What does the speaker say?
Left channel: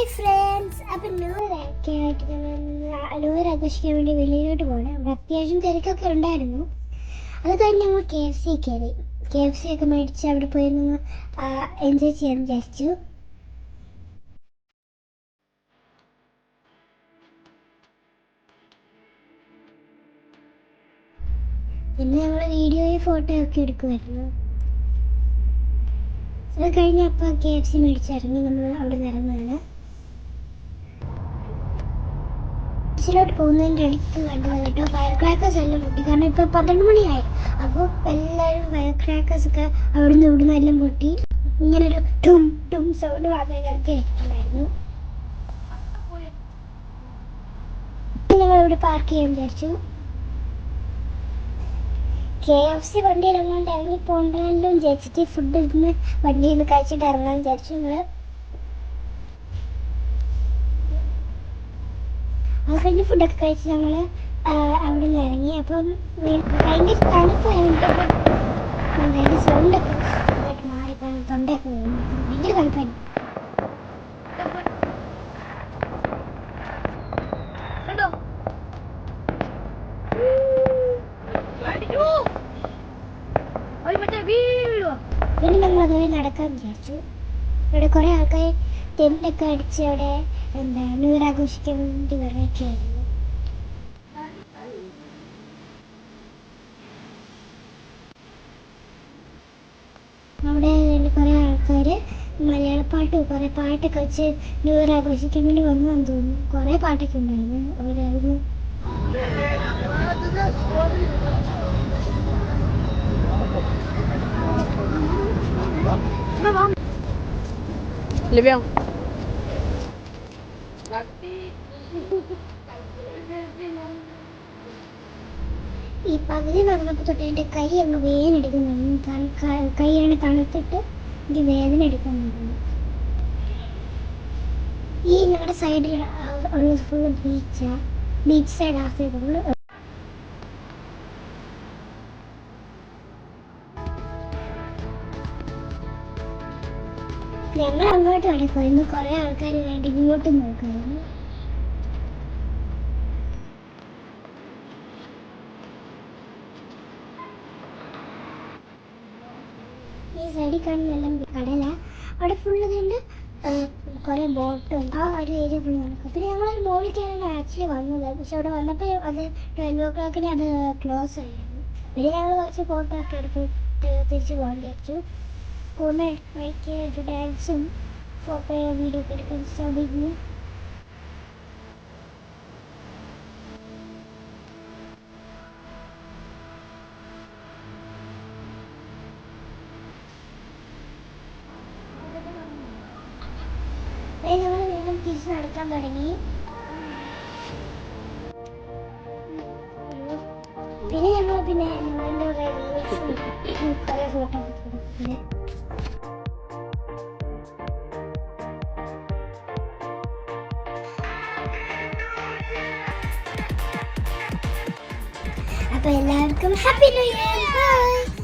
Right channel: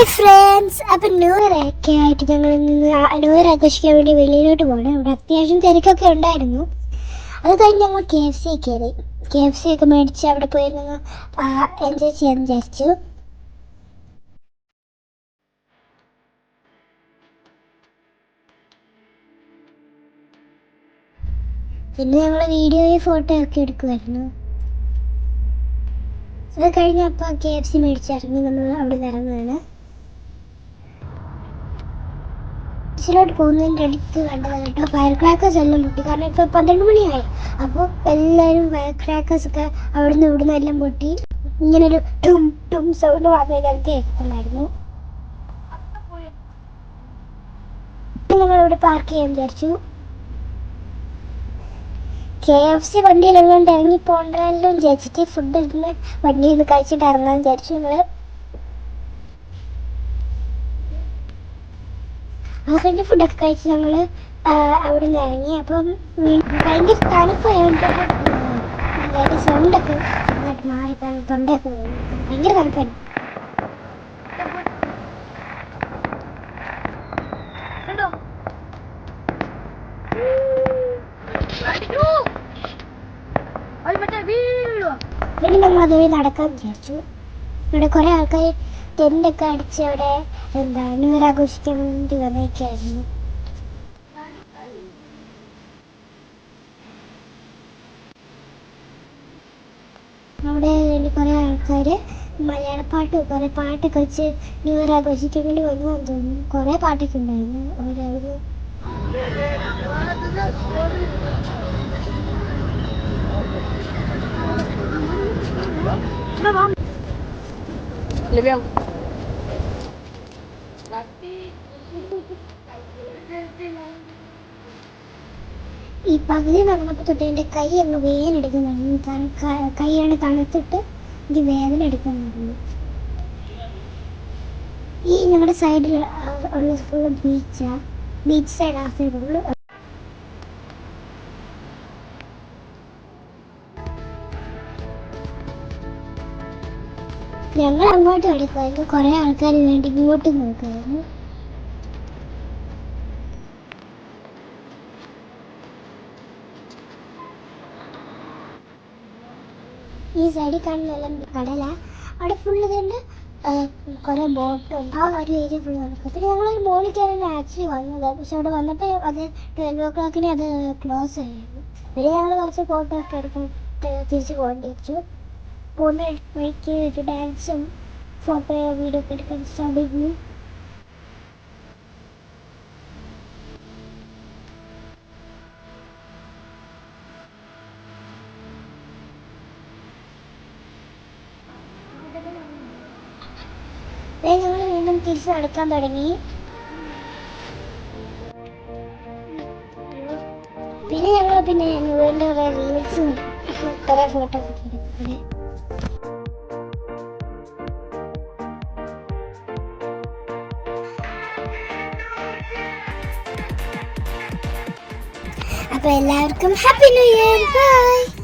Hi friends അപ്പം new ആയിട്ട് ഞങ്ങൾ ന്യൂ ആഘോഷിക്കാൻ വേണ്ടി വെളിയിലോട്ട് പോകണം. ഇവിടെ അത്യാവശ്യം തിരക്കൊക്കെ ഉണ്ടായിരുന്നു. അത് കഴിഞ്ഞ് ഞങ്ങൾ കെ എഫ് സി കയറി. കെ എഫ് സി ഒക്കെ മേടിച്ച് അവിടെ പോയി നിന്ന് എൻജോയ് ചെയ്യാൻ വിചാരിച്ചു. പിന്നെ ഞങ്ങൾ വീഡിയോയും ഫോട്ടോ ഒക്കെ എടുക്കുമായിരുന്നു അത് കഴിഞ്ഞപ്പോൾ കെ എഫ് സി മേടിച്ചിറങ്ങി നമ്മൾ അവിടെ നിന്ന് ഇറങ്ങുകയാണ് ബസ്സിലോട്ട് പോകുന്നതിന്റെ അടുത്ത് കണ്ടത് കേട്ടോ. ഫയർ ക്രാക്കേഴ്സ് എല്ലാം പൊട്ടി. കാരണം ഇപ്പോൾ പന്ത്രണ്ട് മണിയായി. അപ്പോൾ എല്ലാവരും ഫയർ ക്രാക്കേഴ്സ് ഒക്കെ അവിടുന്ന് ഇവിടുന്ന് എല്ലാം പൊട്ടി. ഇങ്ങനൊരു ടും ടും സൗണ്ട് വാങ്ങുന്നത് കേൾക്കുന്നുണ്ടായിരുന്നു ഞങ്ങളിവിടെ പാർക്ക് ചെയ്യാൻ വിചാരിച്ചു. കെ എഫ് സി വണ്ടിയിലെല്ലാം ഇറങ്ങി പോകണ്ടല്ലോ വിചാരിച്ചിട്ട് ഫുഡ് ഇരുന്ന് വണ്ടിയിൽ നിന്ന് കഴിച്ചിട്ട് ഇറങ്ങാൻ വിചാരിച്ചു ഞങ്ങൾ അത് കഴിഞ്ഞ് ഫുഡൊക്കെ കഴിച്ച് ഞങ്ങൾ അവിടെ നിന്ന് ഇറങ്ങി. അപ്പം ഭയങ്കര തണുപ്പായതുകൊണ്ട് അതായത് സൗണ്ടൊക്കെ മാറി തൊണ്ടയൊക്കെ. ഭയങ്കര തണുപ്പായിരുന്നു. പിന്നെ നമ്മൾ അതുവഴി നടക്കാൻ വിചാരിച്ചു. ഇവിടെ കുറേ ആൾക്കാർ ടെന്റൊക്കെ അടിച്ച് ഇവിടെ എന്താ ഇവർ വേണ്ടി വരികയായിരുന്നു അവിടെ കുറേ ആൾക്കാർ മലയാളപ്പാട്ട് കുറേ പാട്ടൊക്കെ വെച്ച് ന്യൂ ഇയർ ആഘോഷിക്കാൻ വേണ്ടി വന്നതെന്ന് തോന്നുന്നു. കുറേ പാട്ടൊക്കെ ഉണ്ടായിരുന്നു. അവരായിരുന്നു. Lebih ഈ പകുതി നടന്നപ്പോൾ തൊട്ട് എന്റെ കൈ അങ്ങ് വേദന എടുക്കുന്നുണ്ട് കൈ അങ്ങ് തണുത്തിട്ട് എനിക്ക് വേദന എടുക്കുന്നുണ്ട്. ഈ ഞങ്ങളുടെ സൈഡിൽ ഉള്ള ഫുള്ള് ബീച്ചാണ് ബീച്ച് സൈഡ് ആ. ഞങ്ങൾ അങ്ങോട്ട് ഓടിപ്പോയിരുന്നു കുറേ ആൾക്കാർ വേണ്ടി ഇങ്ങോട്ട് നോക്കുമായിരുന്നു ഈ സൈഡിൽ കാണുന്നെല്ലാം കടല. അവിടെ ഫുള്ള് തന്നെ കുറേ ബോട്ടും ആ ഒരു ഏരിയ ഫുൾ നടക്കും. പിന്നെ ഞങ്ങൾ മോളിൽ കയറാൻ ആക്ച്വലി വന്നത്. പക്ഷെ അവിടെ വന്നപ്പോൾ അത് ട്വൽവ് ഓ ക്ലോക്കിന് അത് ക്ലോസ് ആയിരുന്നു. പിന്നെ ഞങ്ങൾ കുറച്ച് ഫോട്ടോ ഒക്കെ എടുത്തിട്ട് തിരിച്ച് പോകേണ്ടി വെച്ചു പോകുന്ന വഴിക്ക് ഒരു ഡാൻസും ഫോട്ടോ വീഡിയോ ഒക്കെ എടുക്കാൻ ശ്രമിക്കുന്നു ഞങ്ങൾ വീണ്ടും തിരിച്ച് നടക്കാൻ തുടങ്ങി. പിന്നെ ഞങ്ങൾ പിന്നെ കുറേ റീൽസും കുറേ ഫോട്ടോ ഒക്കെ എടുക്കുന്നത് അപ്പോൾ എല്ലാവർക്കും ഹാപ്പി ന്യൂ ഇയർ ബൈ